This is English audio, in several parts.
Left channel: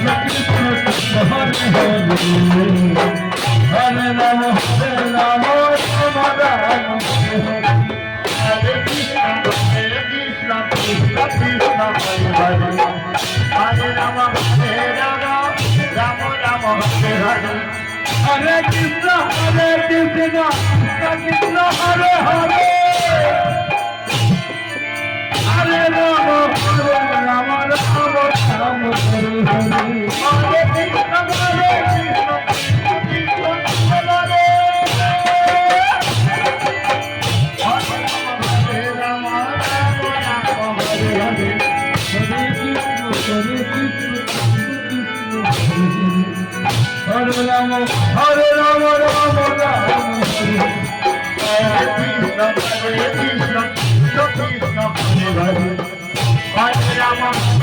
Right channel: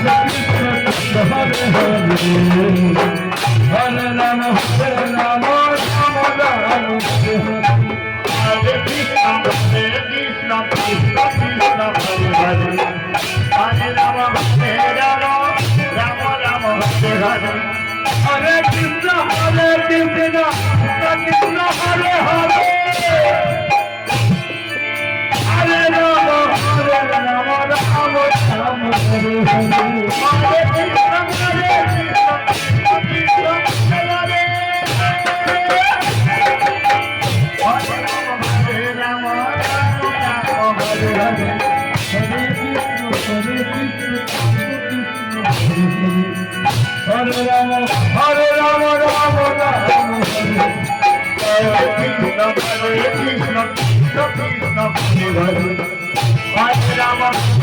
Hare Rama Hare Rama Rama Rama Hare Krishna Krishna Krishna Krishna Hare Hare Rama Hare Rama Rama Rama Hare Hare Hare Krishna Krishna Krishna Hare Hare Hare Rama Rama Rama Rama Hare Hare Hare Krishna Hare Rama Hare Rama Rama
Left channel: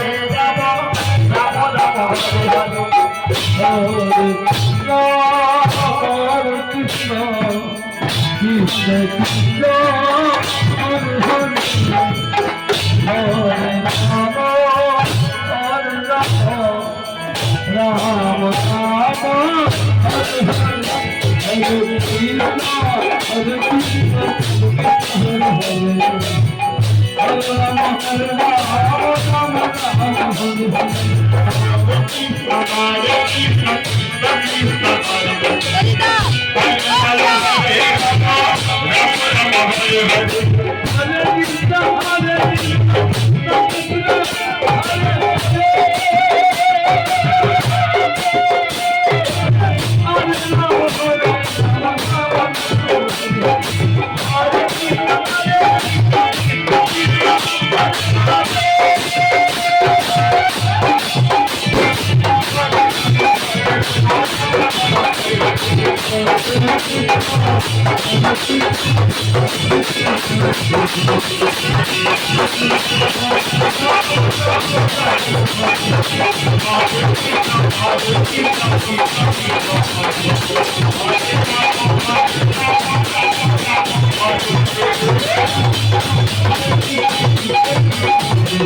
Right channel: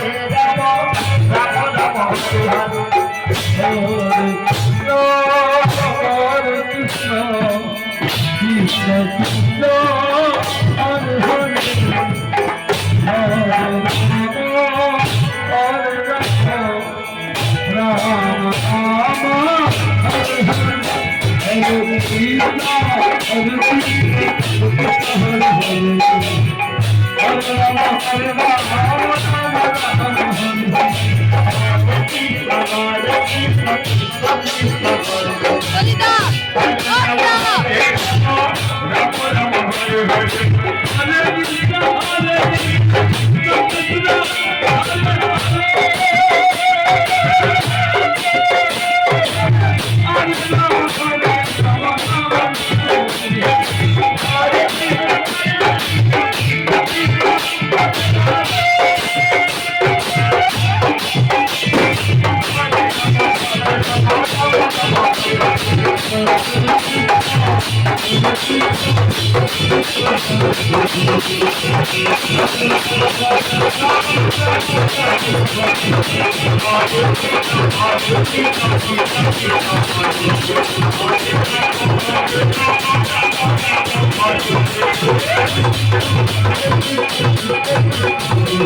Rama Hare Krishna Krishna Krishna Hare Hare Hare Rama Hare Rama Rama Rama Hare Hare Hare Krishna Krishna Krishna Hare Hare Hare Rama Hare Rama Rama Rama Hare Krishna Hare Krishna Hare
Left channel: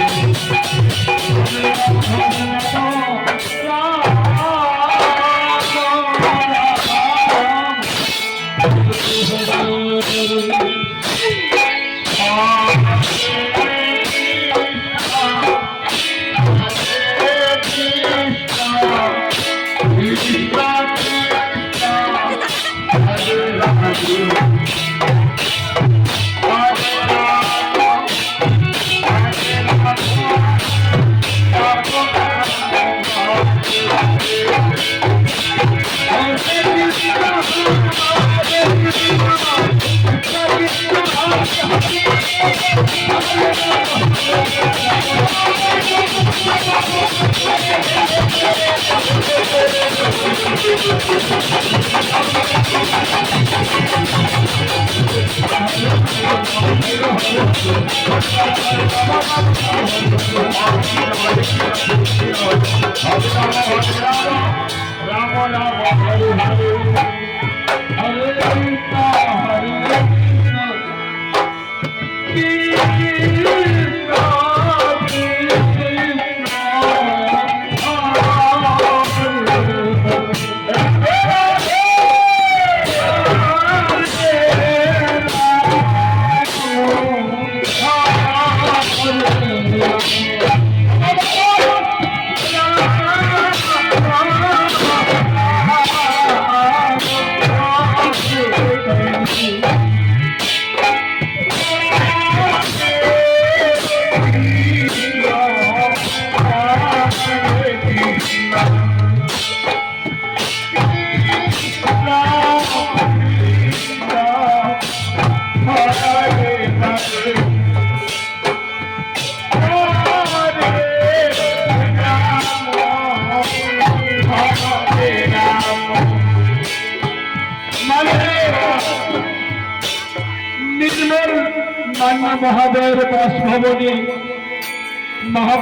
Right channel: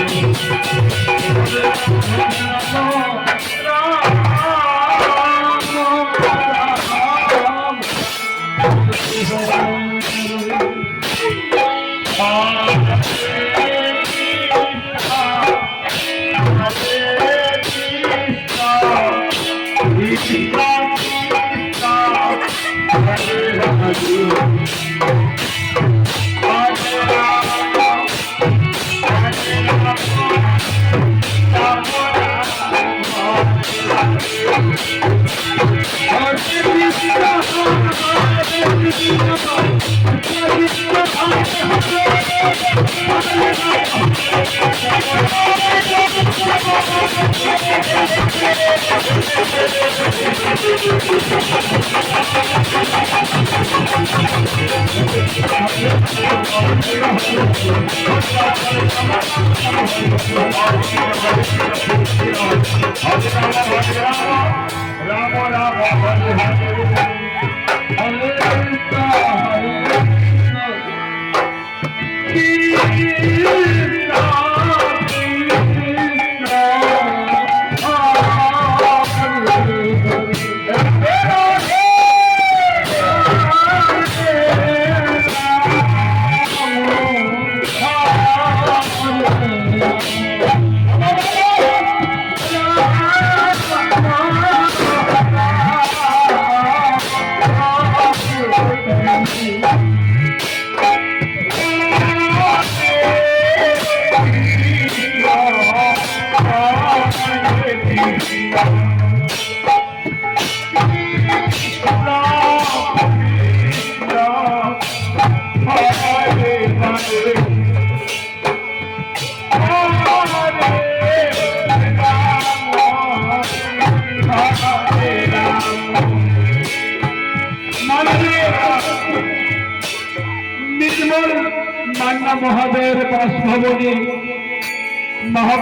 Rama Hare Rama Rama Rama निर्मल मान्य महादेव बासभवनी महा